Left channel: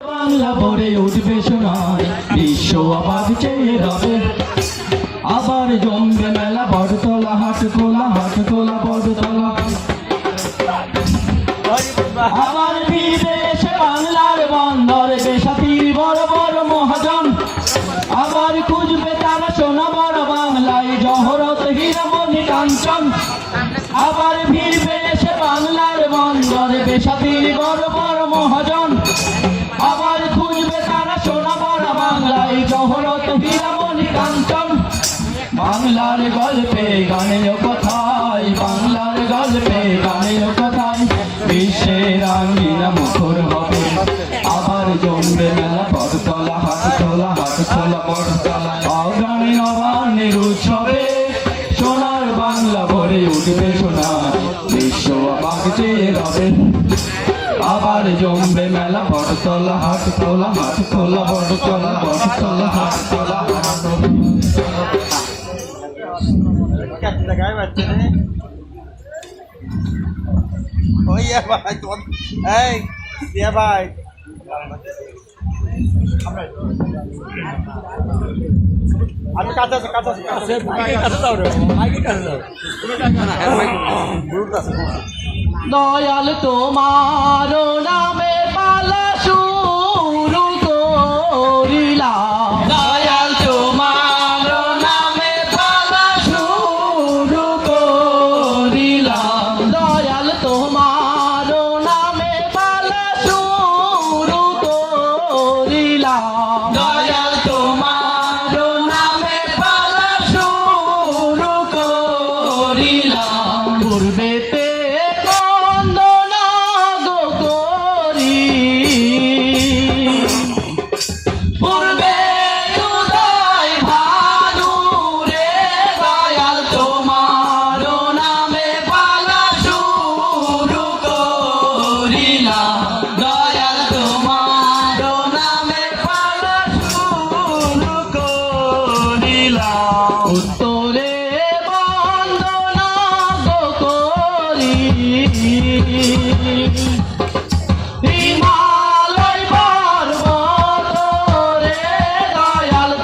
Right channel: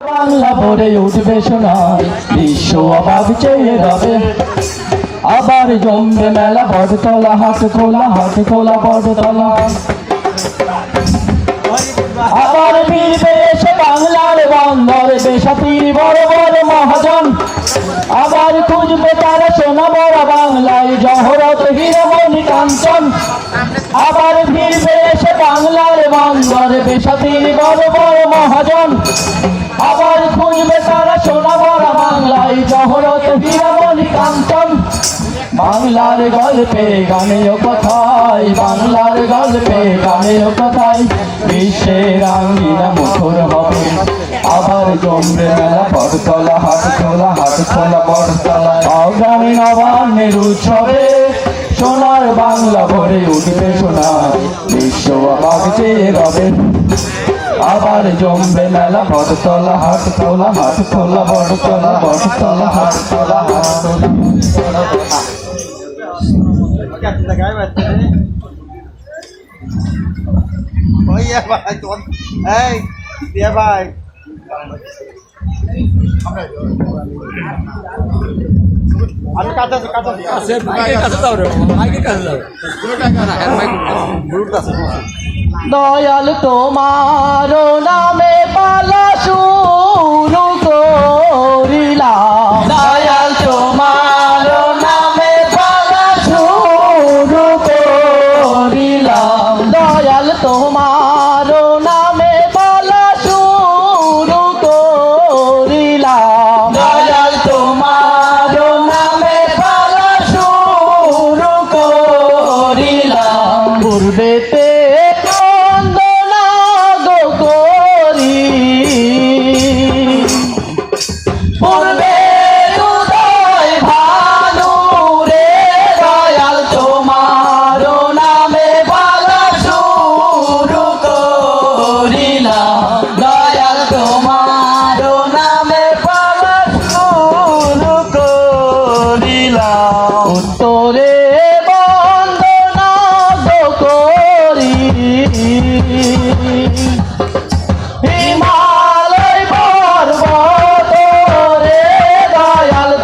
বাংলা ভরে উঠবে সোনার, বিশ্ব অবাক চেয়ে রবে। আবার জমবে মেলা বড়তলা হাট খোলা হাট খোলা বড়তলা আবার ফিরবে এসে বাংলার বন্দর, বেসাতির বড় বড় মহাজন। আবার খুঁজবে তারা সোনা বড় বাংলায়, জহরত হীরমণি কাঞ্চন। আবার ফিরবে এসে বাংলার বন্দর, বেসাতির বড় বড় মহাজন। গল্পে গানে ও কথায়, বাংলার গল্পে গানে ও কথায়, বিশ্বের আঙ্গিনা মুখর হবে। আবার জমবে মেলা বড়তলা হাট খোলা হাট খোলা বড়তলা অগ্রামী নবান্নের উৎসবে সোনার বাংলা ভরে উঠবে সোনার বিশ্ব অবাক চেয়ে রবে আবার জমবে মেলা বড়তলা হাট খোলা হাট খোলা বড়তলা বড়তলা হাট খোলা হাট খোলা ওই ইয়ে ভাই তোমার এই দিয়ে ভাই আমি কাছে আছি কাছে আছি কাছে দয়াল তোমার নামে পালা উত্তরে বন্দনা গো করি।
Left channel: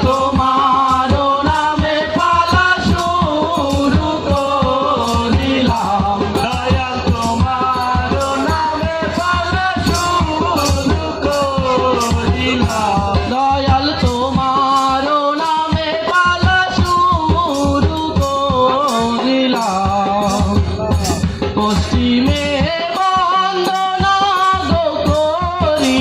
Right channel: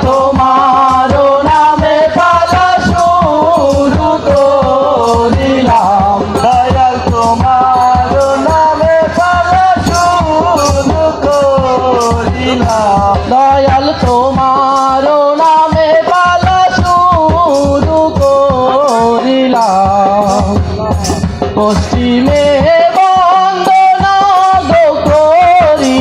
তোমার নামে পালা শুরু করিলাম। দয়াল তোমার নামে পালা শুরু করিলাম। দয়াল পশ্চিমে বন্দনা গো করি।